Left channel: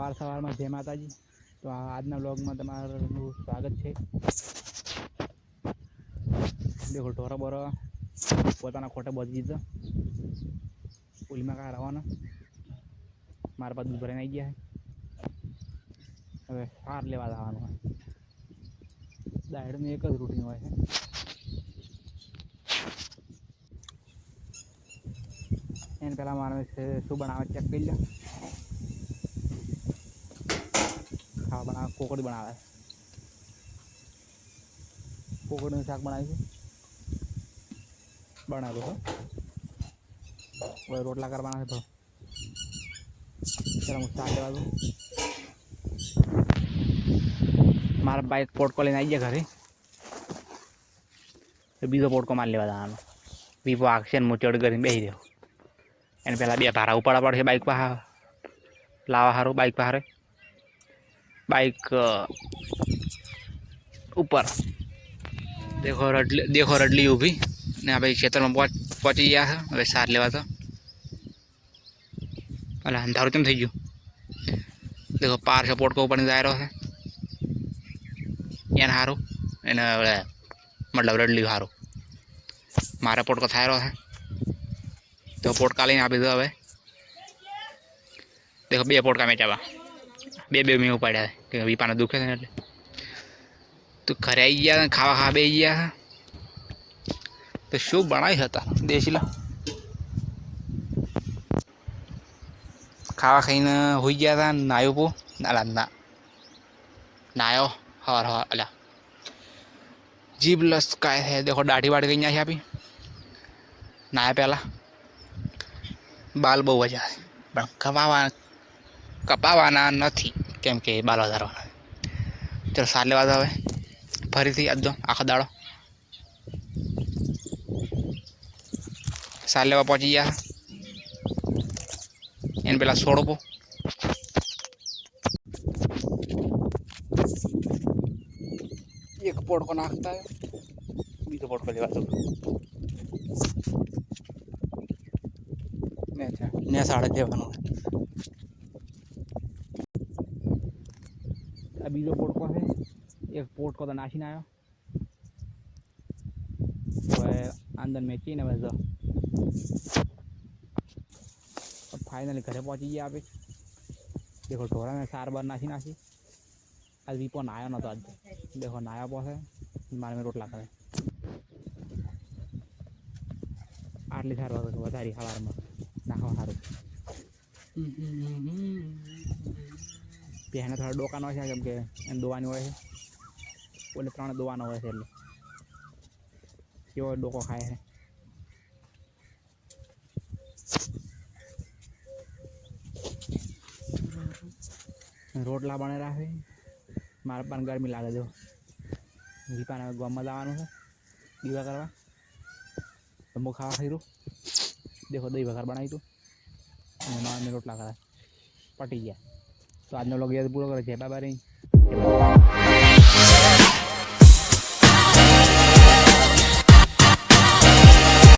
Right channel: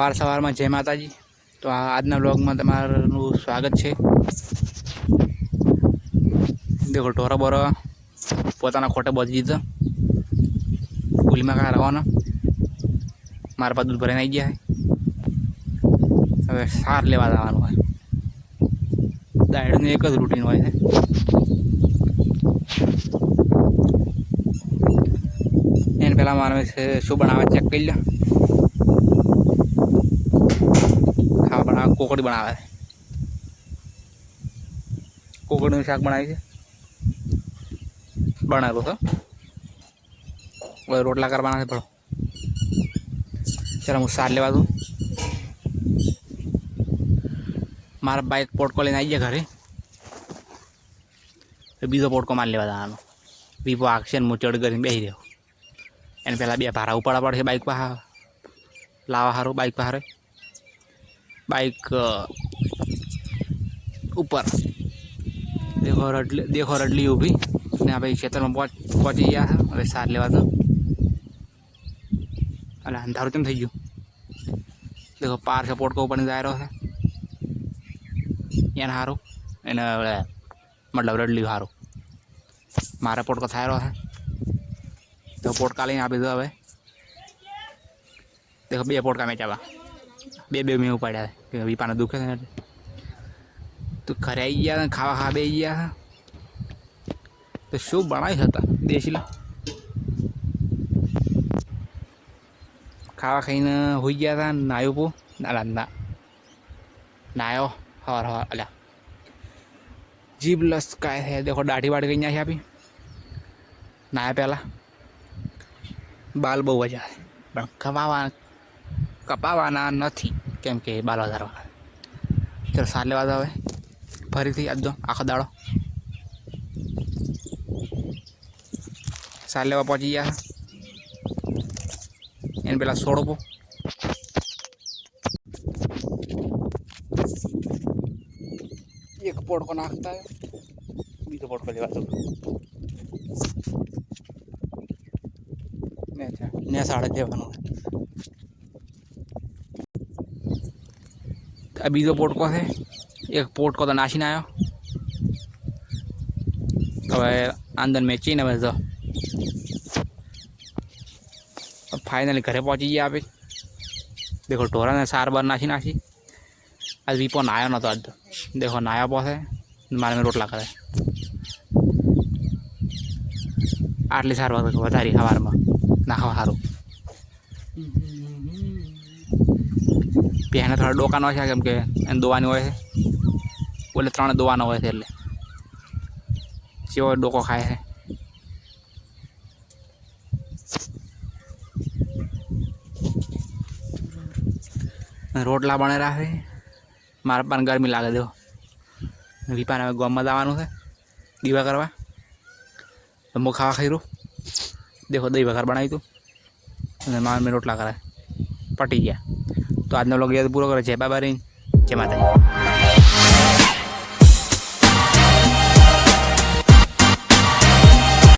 सवार सवार में जय माताजी। तो आजना ब्लॉग में तमारू स्वागत है। देखो ढोरा बोरा पोताना खोटे बधी दीधो पुली में क्या रवाना मारे पास दूध भरे आई गया है। हमें सार लेवा जवानुं है। दायड़नी एक ज रूटीन होय छे। एने पहला मानवे शू बनावे चेक कर लो। खावा बनावे कोकड़ी बनावे कोकड़ी शाक बनावी छे बनावेलू तो रोटला करवाना है। पड़ो चलो हूँ सार लेवा दूँ। मारा बाइक पोटको लेने आई गया घरे तो बीजो पोटको मार लेवा जवानो। दीपो आखशे ने चढ़ कर बेही रह्यो। एने पहला बे भारा उपाड़ा पड़े बाइक पर लावा हारू बाइक पर बाइक ऊपर देखो रडली ऊभी ने भाई खेतर में पहुंची गया है। हमें सार लेवा तो अरे अंधारू केम थई गयुं। देखो पार सपोर्ट को ऊपर जा रहा है एन हारू एने मतलब रडली हारू मारा पोट को थाय रहा है। तो पोटका लईने आपी दो। हवे देखो बे पोटका मेचावा बे में उपाड्या है कि वीपाने दुखे छे एटले तो घरे आई गया खावा खावा बेही गया। तो शू बनावी हता देसी खावा खाईने हुई गया था। नायो पो ना नायो हर हर अल्या जीभ लसकाय है। देखो दाढ़ी वाढ़ी गई है आपी नाया पहला बाल बहु वजा पण कपावाना नहीं केम के बाल वधारवाना। चलो सार लेवा दो। हवे फरीथी आज दो आखो दाड़ो सार लेवा पहुंची गया। इन पेला सोड़ो को एक पोट को नाखता है बीजो पोट को लेवा दो। ने साड़े देवानो बीजो पोट को है। एक पोट को तो नाशीने आयो तो अंदर मेची ने बस फाइनली घरे पहुंची गया। आप देखो ढोरा ने सार बार नाशी आज वीपो नायो न तो आज देखो नाया पहुँचे मारे में रोटला करे आटली सार वधारी सवार में नाखवा सारू। पहले थोड़ा डोकानो है केम के दोवानी होय है बोले त्रण दोवानो होय है એટલે चेवो डोको खाए है। रोटला बने रहा है मारा पान गर्मी लागे। दो वीपाने गाम में जवानुं है दीवा करवा तो मु खावा खाई रू। देखो दही वघार बनाई तू मार में रोटला करे पटी गया। तो आज लोग ये पूरा करे जय बाबा री जय माता।